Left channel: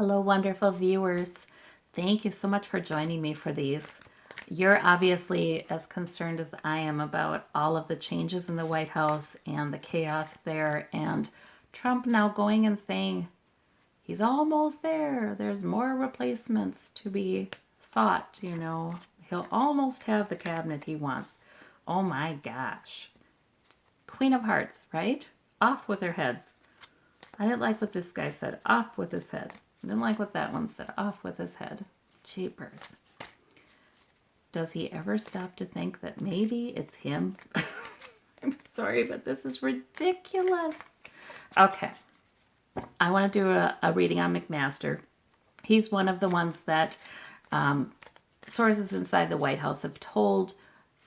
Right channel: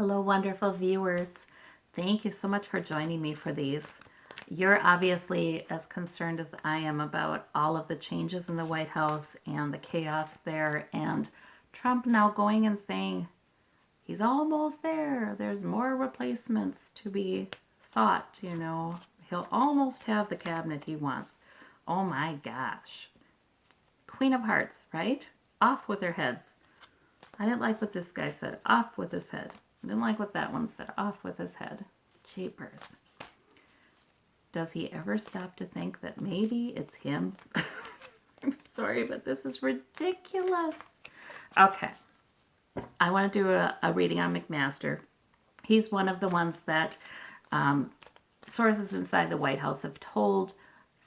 Hello, wonderful viewers. Thank you so much for joining me for these. You're obviously as concerned as I am about all of the changes in the White House and the chaos there, and Trump now going and saying he's almost there. There's more replacements to be sought. He'll almost have the cabinet he wants. Oh my gosh. Queen of Hearts, right? Off with their heads. I didn't like what this guy said. Off with his head. I didn't like what that one said. Off with his head. Jeepers. Does he ever stop to think that maybe it's him? I'm sorry, but this is ridiculous. Okay. I want to do a reading on McMaster. He's one of the ones that sources inside the White House have told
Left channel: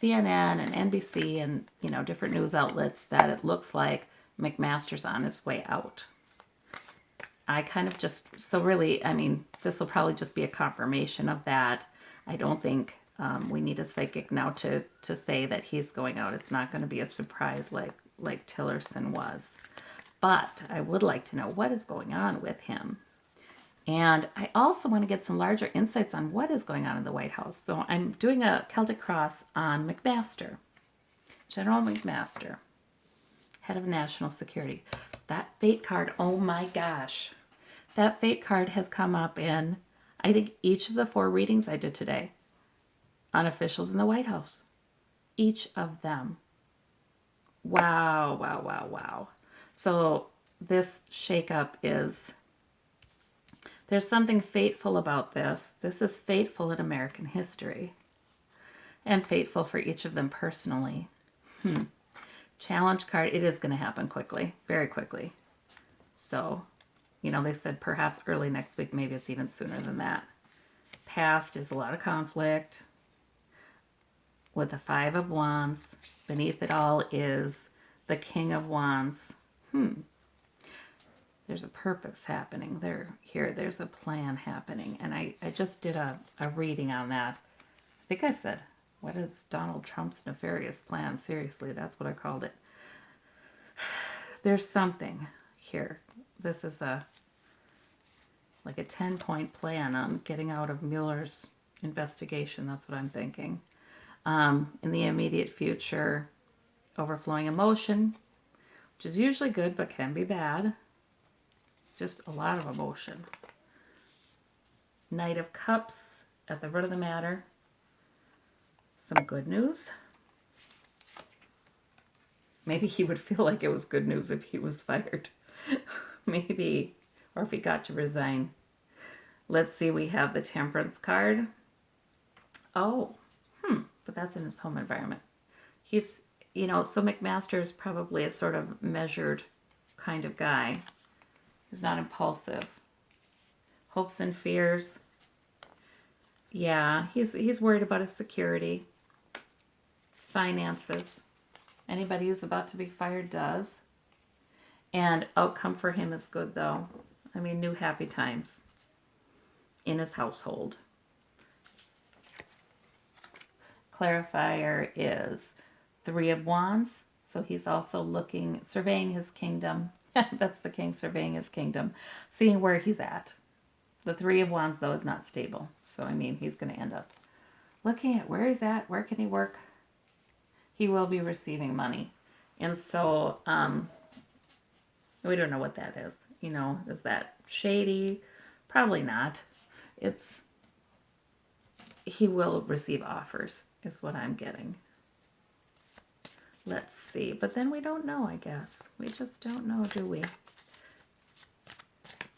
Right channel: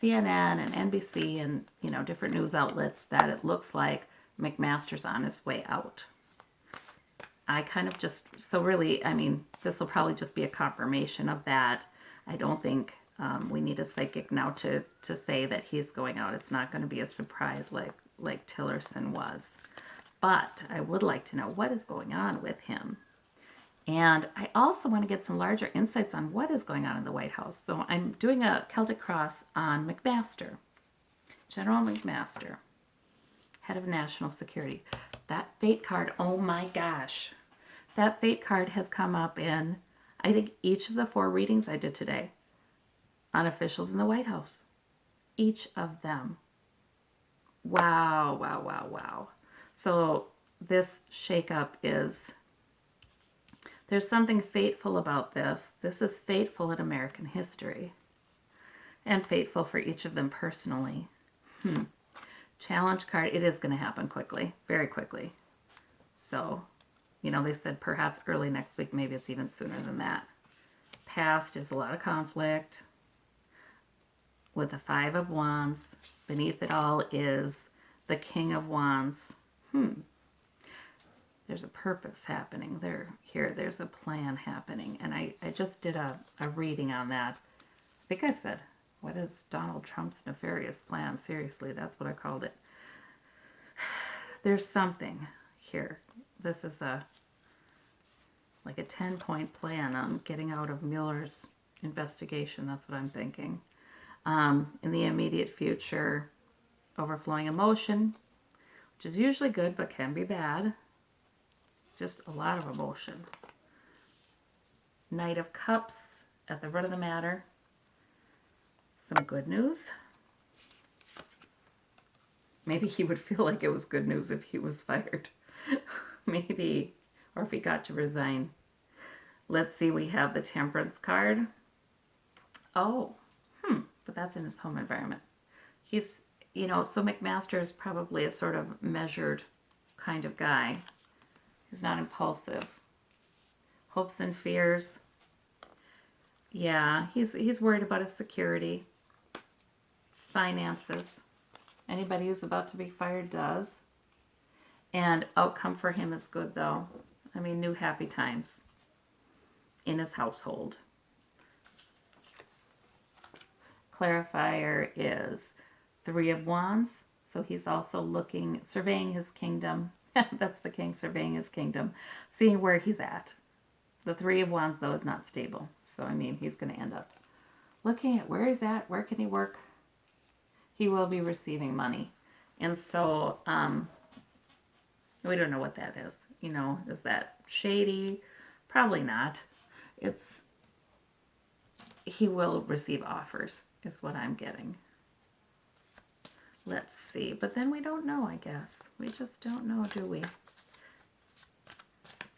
CNN and NBC and different news outlets that it looks like McMaster's on his way out. I kind of just, so really, I mean, this will probably just be a confirmation of that. I don't think we need a psychic now to say that he's going out. It's not going to be a surprise like Tillerson was. But I would like to know what is going on with him. And I also want to get some larger insights on what is going on in the White House. So I'm doing a Celtic cross on McMaster, General McMaster, head of national security. That fate card, oh my gosh. That fate card has come up in, I think, each of the 4 readings I did today on officials in the White House. Each of them. Wow, wow, wow, wow. So this shakeup is, there's something fateful about this. This is fateful in American history and fateful for each of them personally. Challenge card, it is going to happen quickly, very quickly. So, they said perhaps early next week, maybe it's even sooner than that. Past is a lot of conflict with the 5 of Wands. Beneath it all is the King of Wands. There's a purpose happening there. There's a plan happening. And I just did a reading on that. I think I said, what is Donald Trump's nefarious plan? Seriously, that's what I called it. There's something here. This is like a 10-point plan on getting out of Mueller's investigation. That's what I'm thinking. In the immediate future, overflowing emotion, which is usually good but can be bad. Just a lot of emotion. Knight of Cups at the root of the matter. Some good news. Maybe he would feel like it was good news if he was fired. Maybe. Or if he got to resign. Let's see, we have the Temperance card. Oh, but that's in his home environment. He's, so McMaster is probably a sort of measured kind of guy. He's not impulsive. Hopes and fears. Yeah, he's worried about his security, his finances. Anybody who's about to be fired does. And outcome for him is good, though. I mean, new happy times in his household. Clarifier is 3 of Wands. So he's also surveying his kingdom. That's the king surveying his kingdom, seeing where he's at. The 3 of Wands, though, is not stable. So, I mean, he's going to end up looking at where he's at, where can he work. He will be receiving money. And so, we don't know what that is. Is that shady? Probably not. He will receive offers, is what I'm getting. Let's see. But then we don't know, I guess. We just don't know, do we?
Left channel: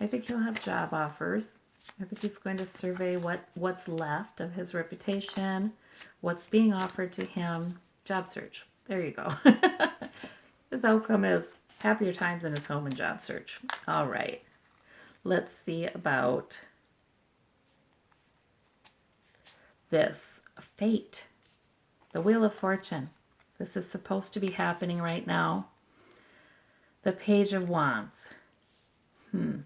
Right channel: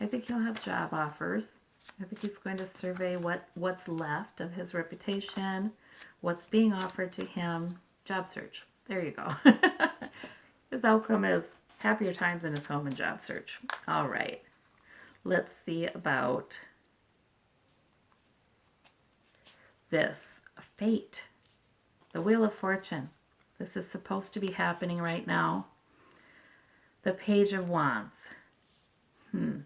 I think he'll have job offers. I think he's going to survey what's left of his reputation, what's being offered to him. Job search. There you go. His outcome is happier times in his home and job search. All right. Let's see about this. Fate. The Wheel of Fortune. This is supposed to be happening right now. The Page of Wands. The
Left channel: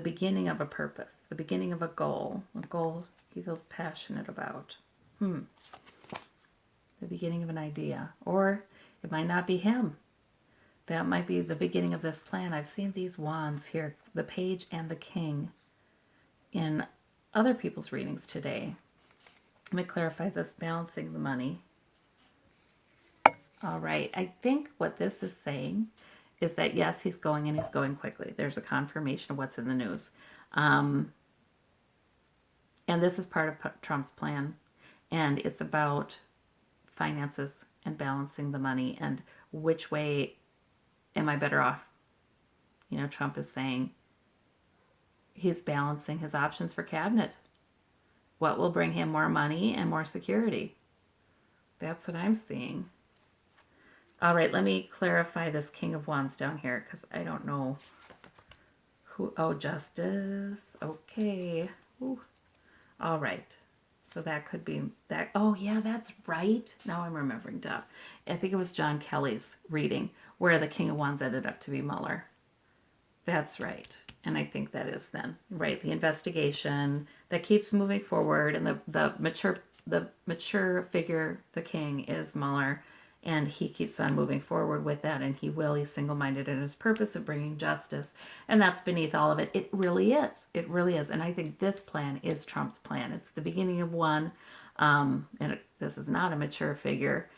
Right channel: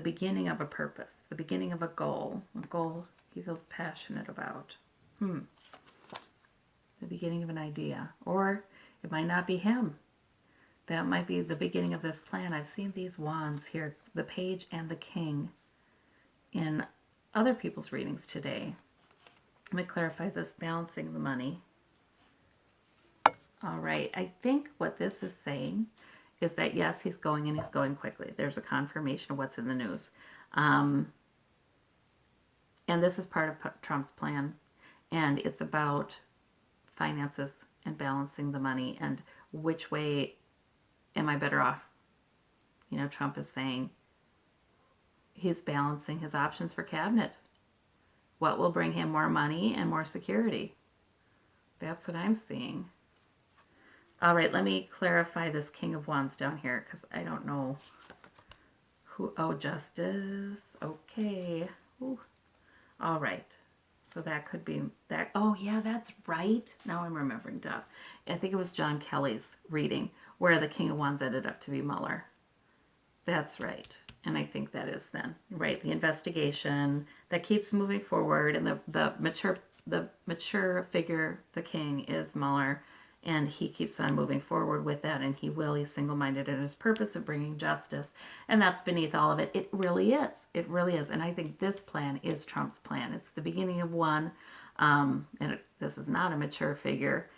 beginning of a purpose. The beginning of a goal. A goal he feels passionate about. The beginning of an idea. Or it might not be him. That might be the beginning of this plan. I've seen these wands here, the page and the king, in other people's readings today. Let me clarify this, balancing the money. All right, I think what this is saying is that yes, he's going and he's going quickly. There's a confirmation of what's in the news. And this is part of Trump's plan. And it's about finances and balancing the money and which way am I better off? You know, Trump is saying he's balancing his options for cabinet. What will bring him more money and more security? That's what I'm seeing. All right, let me clarify this King of Wands down here because I don't know who. Oh, Justice. Okay. Ooh. All right. So that could be that. Oh, yeah, that's right. Now I'm remembering stuff. I think it was John Kelly's reading where the King of Wands ended up to be Mueller. That's right. And I think that is then, right? The investigation that keeps moving forward, and the mature figure, the king, is Mueller, and he keeps on moving forward with that, and he's single-minded in his purpose of bringing justice, and that's beneath all of it. It really is. It really is. And I think this plan is Trump's plan. It's the beginning of one, this is not a mature figure.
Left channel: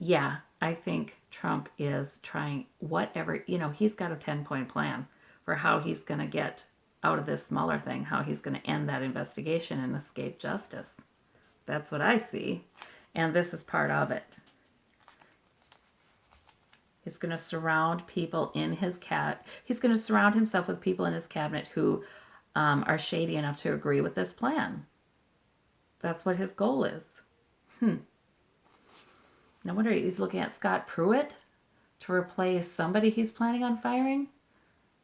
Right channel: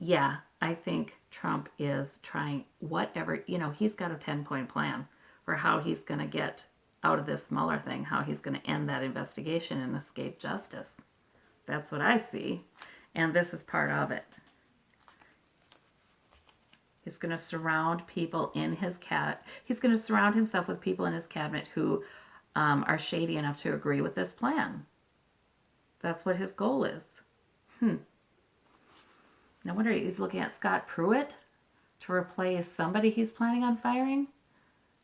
Yeah, I think Trump is trying whatever, he's got a 10-point plan for how he's going to get out of this Mueller thing, how he's going to end that investigation and escape justice. That's what I see. And this is part of it. He's going to surround people in his he's going to surround himself with people in his cabinet who are shady enough to agree with this plan. That's what his goal is. No wonder he's looking at Scott Pruitt to replace somebody he's planning on firing,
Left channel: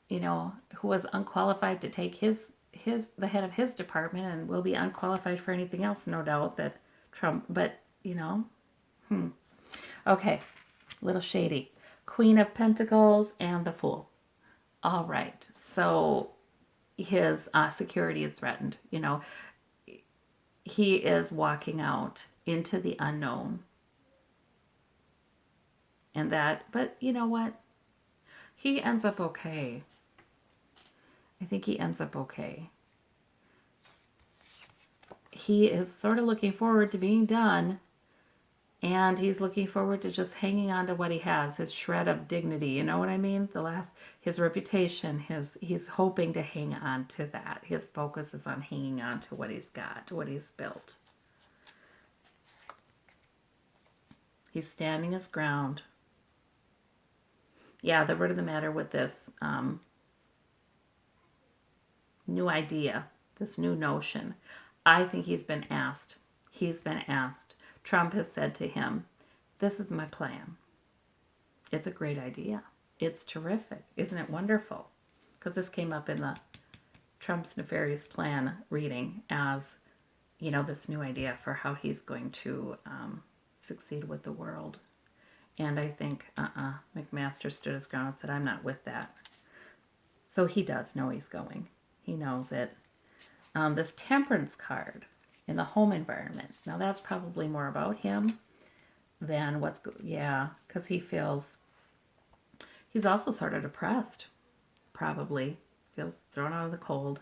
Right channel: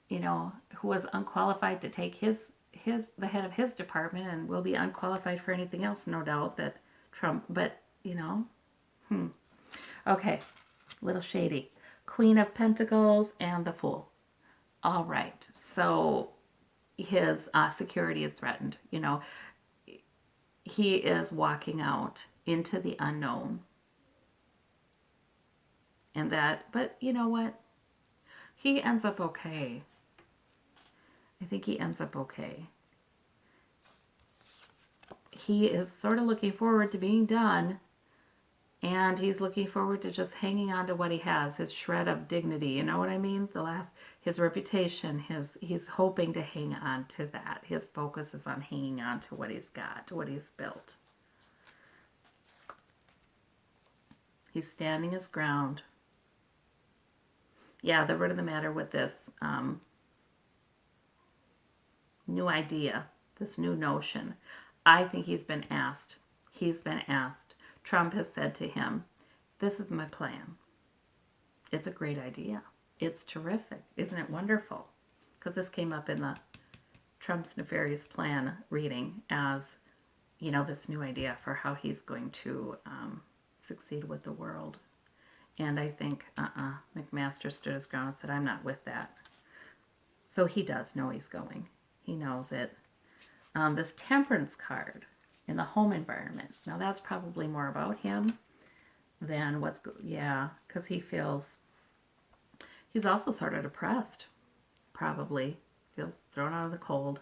who was unqualified to take the head of his department and will be unqualified for anything else, no doubt, that Trump, but, Okay, little shady. Queen of Pentacles and the Fool. All right, so his security is threatened, He is walking out into the unknown. And but you know what? He ends up okay. I think he ends up okay. He is sort of looking forward to being done, and he's looking forward to just hanging on to what he has, his shred of dignity, you know what I mean? His reputation, he's hoping to hang on to that. His focus is on hanging on to what he's got, to what he's built. He's standing his ground. Yeah, the root of the matter with this new idea, this new notion, I think he's been asked. Trump has said to him, this is my plan. It's a great idea. It's terrific. Isn't it wonderful? Because this came up in the Trump's nefarious plan reading as, this new idea for how he's going to succeed with the world. And I think, McMaster stood his ground and said, I'm not with that. So he does know he's going. He knows it. This Temperance card in the home environment. Now that's probably more about him than because he feels, he's also sort of depressed, probably. Feels thrown out of the cold.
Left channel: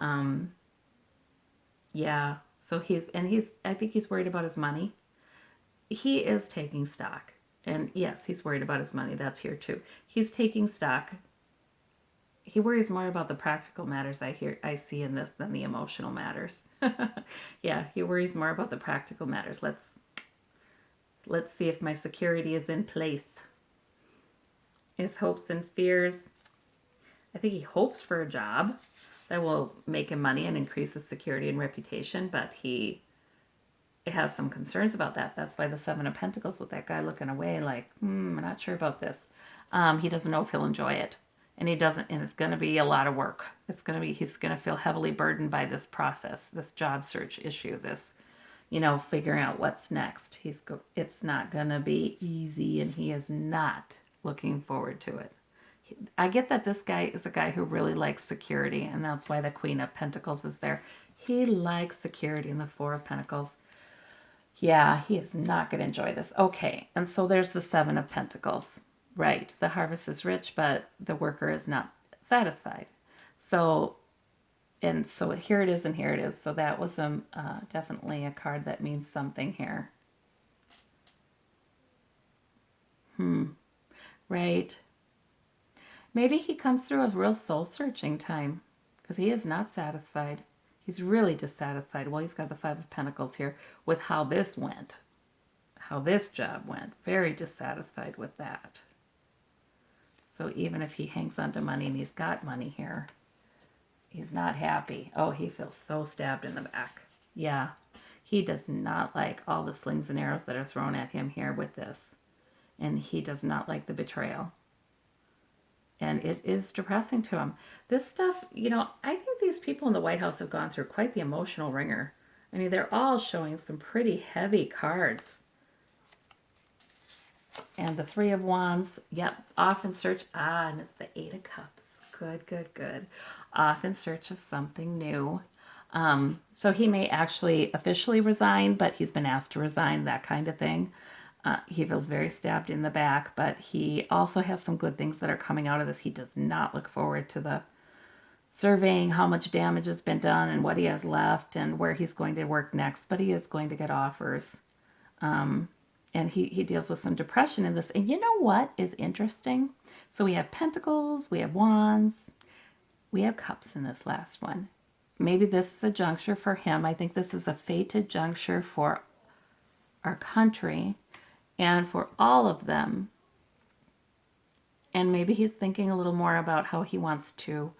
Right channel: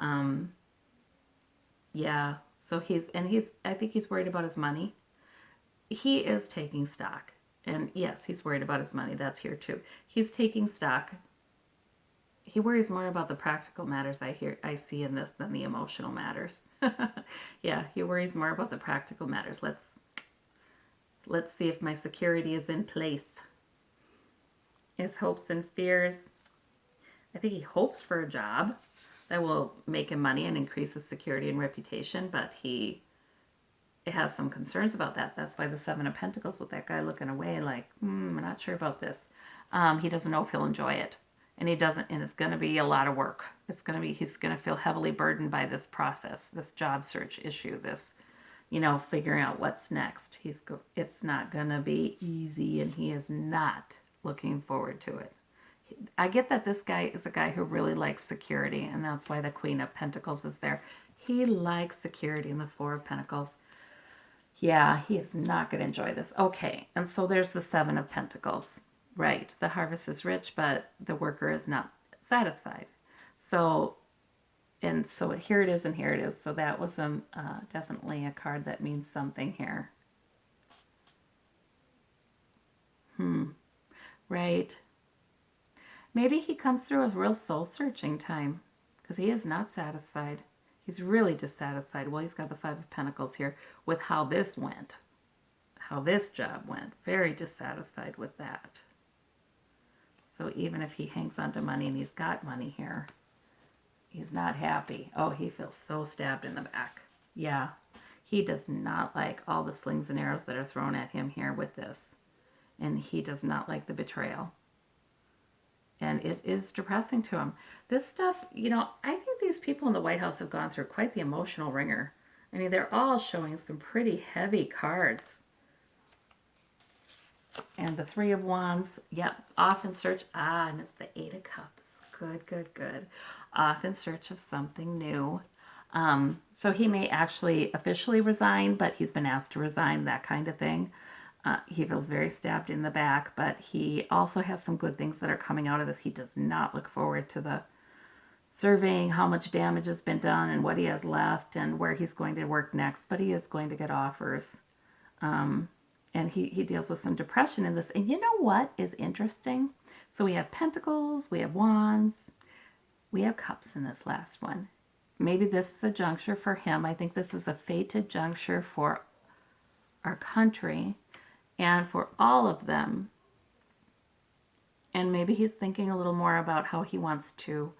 So I think he's worried about his money. He is taking stock. And yes, he's worried about his money. That's here too. He's taking stock. He worries more about the practical matters I see in this than the emotional matters. Yeah, he worries more about the practical matters. Let's see if my security is in place. His hopes and fears. I think he hopes for a job that will make him money and increase his security and reputation, but he has some concerns about that. That's why the Seven of Pentacles with that guy looking away like, I'm not sure about this. He doesn't know if he'll enjoy it. And he doesn't, and it's going to be a lot of work. He's going to feel heavily burdened by this process, this job search issue, this, figuring out what's next. It's not going to be easy, and he is not looking forward to it. I get that this guy is a guy who really likes security, and that's why the Queen of Pentacles is there. He likes security in the Four of Pentacles. Yeah, he is not going to enjoy this. Okay, and so there's the Seven of Pentacles. Right. The harvest is rich, but the worker is not satisfied. So, and so here it is and here it is. So that was definitely a card that means something here. Hmm. Right. Maybe he comes through a real soul searching time because he is not satisfied. He's really dissatisfied. Well, he's got the Five of Pentacles here with how this went, how this job went. Very dissatisfied with that. So even if he hangs on to money and he's got money here, he's not happy. Oh, he feels so stabbed in the back. Yeah, he does not like all the slings and arrows that are thrown at him here with this. And he does not like the betrayal. And it is depressing to him. This stuff, I think these people in the White House have gone through quite the emotional ringer. I mean, they're all showing some pretty heavy cards. And the Three of Wands, yep, off in search, and it's the Eight of Cups. Good, good, good. Off in search of something new. So he may actually officially resign, but he's been asked to resign, that kind of thing. He feels very stabbed in the back, but he also has some good things that are coming out of this. He does not look forward to the surveying how much damage has been done and what he has left and where he's going to work next, but he is going to get offers. Um, and he deals with some depression in this. And you know what is interesting? So we have pentacles, we have wands, we have cups in this last one. Maybe this is a juncture for him. I think this is a fated juncture for our country and for all of them. And maybe he's thinking a little more about how he wants to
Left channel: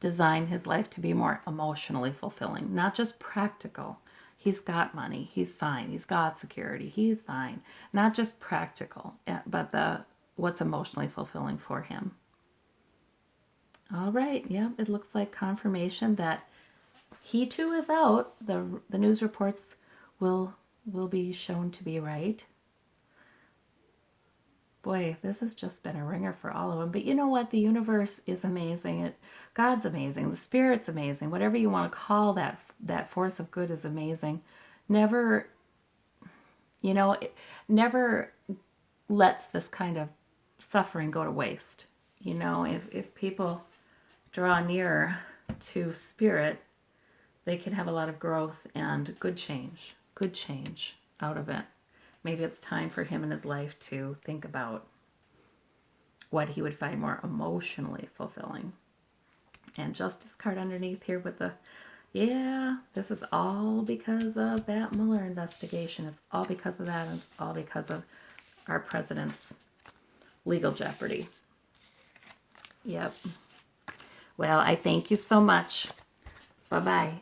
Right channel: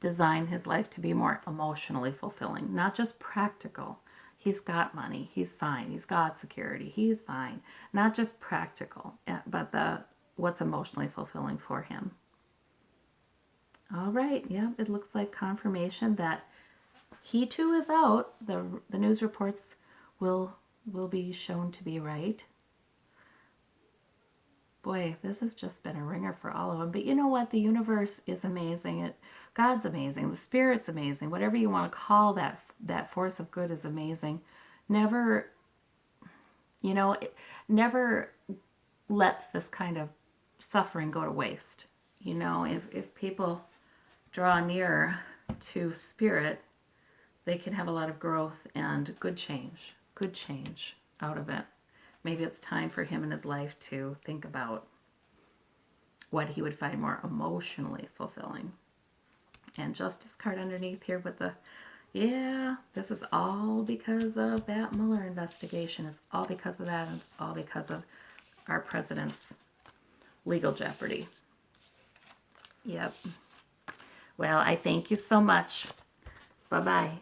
design his life to be more emotionally fulfilling, not just practical. He's got money, he's fine. He's got security, he's fine. Not just practical, but the what's emotionally fulfilling for him. All right, yeah, it looks like confirmation that he too is out. The news reports will be shown to be right. Boy, this has just been a ringer for all of them. But you know what? The universe is amazing. God's amazing. The Spirit's amazing. Whatever you want to call that force of good is amazing. Never, it never lets this kind of suffering go to waste. If people draw near to Spirit, they can have a lot of growth and good change out of it. Maybe it's time for him in his life to think about what he would find more emotionally fulfilling. And Justice card underneath here with this is all because of that Mueller investigation. It's all because of that, and it's all because of our president's legal jeopardy. Yep. Well, I thank you so much. Bye-bye.